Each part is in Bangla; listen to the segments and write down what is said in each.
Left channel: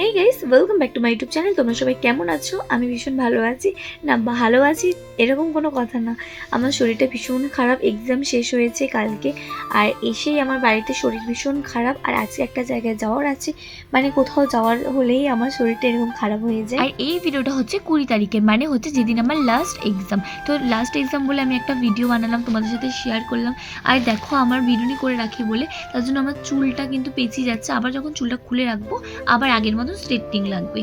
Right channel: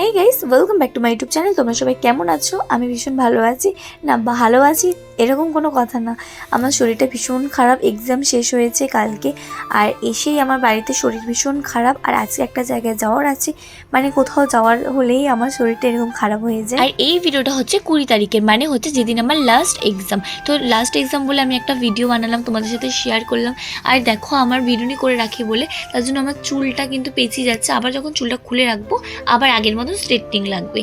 Hey guys, welcome back to my YouTube channel. তোমরা সবাই কেমন আছো? আমি ভীষণ ভালো আছি। না, ভালো আছি এরকম কোনো কথা না, আমার শরীরটা ভীষণ খারাপ। এক্সাম শেষ হয়েছে কালকে, আর এসেই আমার বাড়িতে শরীর ভীষণ খারাপ। আর আজকে একটা জায়গায় যাওয়ার আছে, মানে কোথাও যাওয়ার হলেই আমার শরীরটা এরকম খারাপ হয়ে যায়। আর এই ভিডিওটা হচ্ছে 20 তারিখের, মানে হচ্ছে যেদিন আমার লাস্ট এক্সাম। তো লাস্ট এক্সাম বলে আমি একটা ভিডিও বানালাম, তোমাদের সাথে শেয়ার করলাম। আর দেখো, আমার বিরুনি করে রাখি বলে তার জন্য আমার চুলটা কিন্তু পেঁচিয়ে যাচ্ছে। আবার যখন চুলটা খুলে রাখবো আবার আগের মতো স্ট্রেটনিং লাগবে।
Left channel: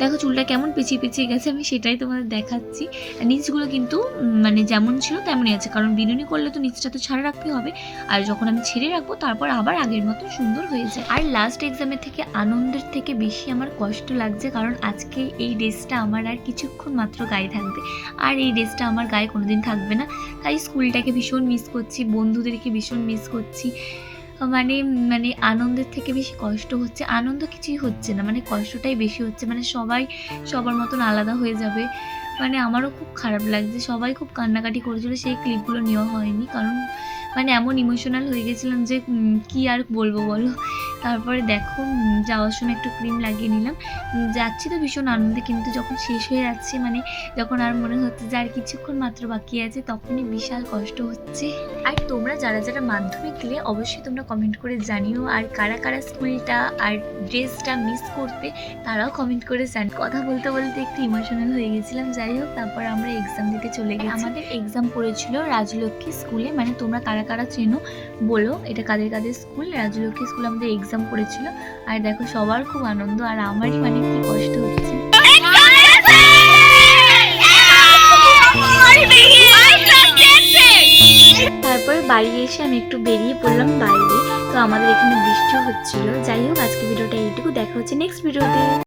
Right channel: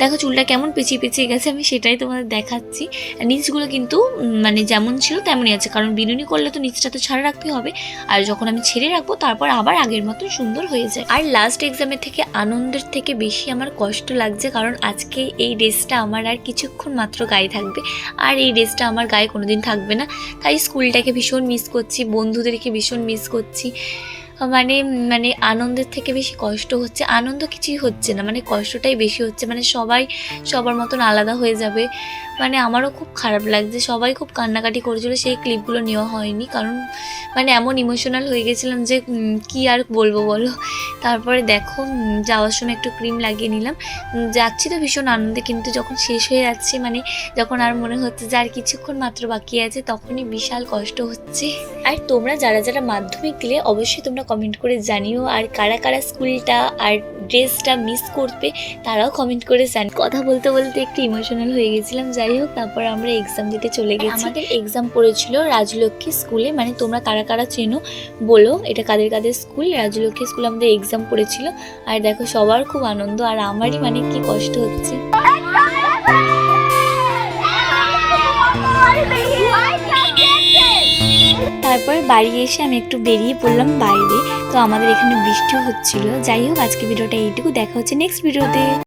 দেখো চুলটা কেমন পেঁচিয়ে পেঁচিয়ে গেছে, আমি সেটাই তোমাদের দেখাচ্ছি। নিচগুলো কিন্তু মানে যেমন ছিল তেমনই আছে, কারণ বিনুনি করলে তো নিচটা তো ছাড়া রাখতে হবে। আর যখন আমি ছেড়ে রাখবো তারপর আবার আগের মতো সুন্দর হয়ে যায়। আর লাস্ট এক্সামের থেকে আনন্দের থেকে বেশি আমার কষ্ট লাগছে, কারণ আজকে এই ড্রেসটা আমার আর কিছুক্ষণ মাত্র গায়ে থাকবে, আর এই ড্রেসটা আমার গায়ে কোনোদিন থাকবে না। তাই স্কুলটাকে ভীষণ মিস করছি, বন্ধুদেরকে ভীষণ মিস করছি। মানে মানে আনন্দের থেকে বেশি কষ্ট হচ্ছে। আনন্দ কিছুই হচ্ছে না, মানে কষ্টটাই বেশি হচ্ছে। মানে সবাই সবার মতন আলাদা হয়ে যাবে, মানে আমারও খুব খারাপ লাগছে। সবাই খুব কান্নাকাটি করেছিল, সেই ক্লিপগুলো নেওয়া হয়নি, কারণ মানে এমন ইমোশনাল হয়ে গেছিলাম যে কি আর বলবো বলো। তারপরে দেখো যাওয়ার সময় একটু ক্রিম লাগিয়ে নিলাম। যাচ্ছি তো ভীষণ আনন্দে, কিন্তু যখন শেষ হয়ে যাচ্ছে, মানে যখন আর মনে হচ্ছে যে আর কিছুক্ষণ মাত্র বাকি আছে, তখনই বিশাল কষ্ট হচ্ছে। আর তোমরা যারা যারা মাধ্যমিক দিলে অবশ্যই তোমরা কমেন্ট করে জানিও, আর কারা কারা স্কুলটা আর ড্রেসটা মিস করবে তারাও কমেন্ট করে জান। কথা বলতে বলতে একটু ইমোশনাল হয়ে গেছিলাম। যাই হোক, তারপর আমরা এক্সাম দিতে চলে গেছি। আমাদের এক্সাম পড়েছিল রাজলক্ষ্মী স্কুলে, মানে তোমরা কারা কারা চেনো বলো, এটা কাদের কাদের স্কুল। রাজলক্ষ্মী স্কুল আমাদের এক্সাম পড়েছিল। আর দেখো সবার খুব আনন্দ, আর আমারই মানে কি কষ্ট হচ্ছে। তারপর বাড়ি এসে আমি একটু বেরিয়ে পড়লাম বাইরে। তো আমাদের এখানে বৃষ্টি হচ্ছিল। যাই হোক, আজকে ভিডিওটা এইটুকু, দেখা হচ্ছে নেক্সট ভিডিওতে।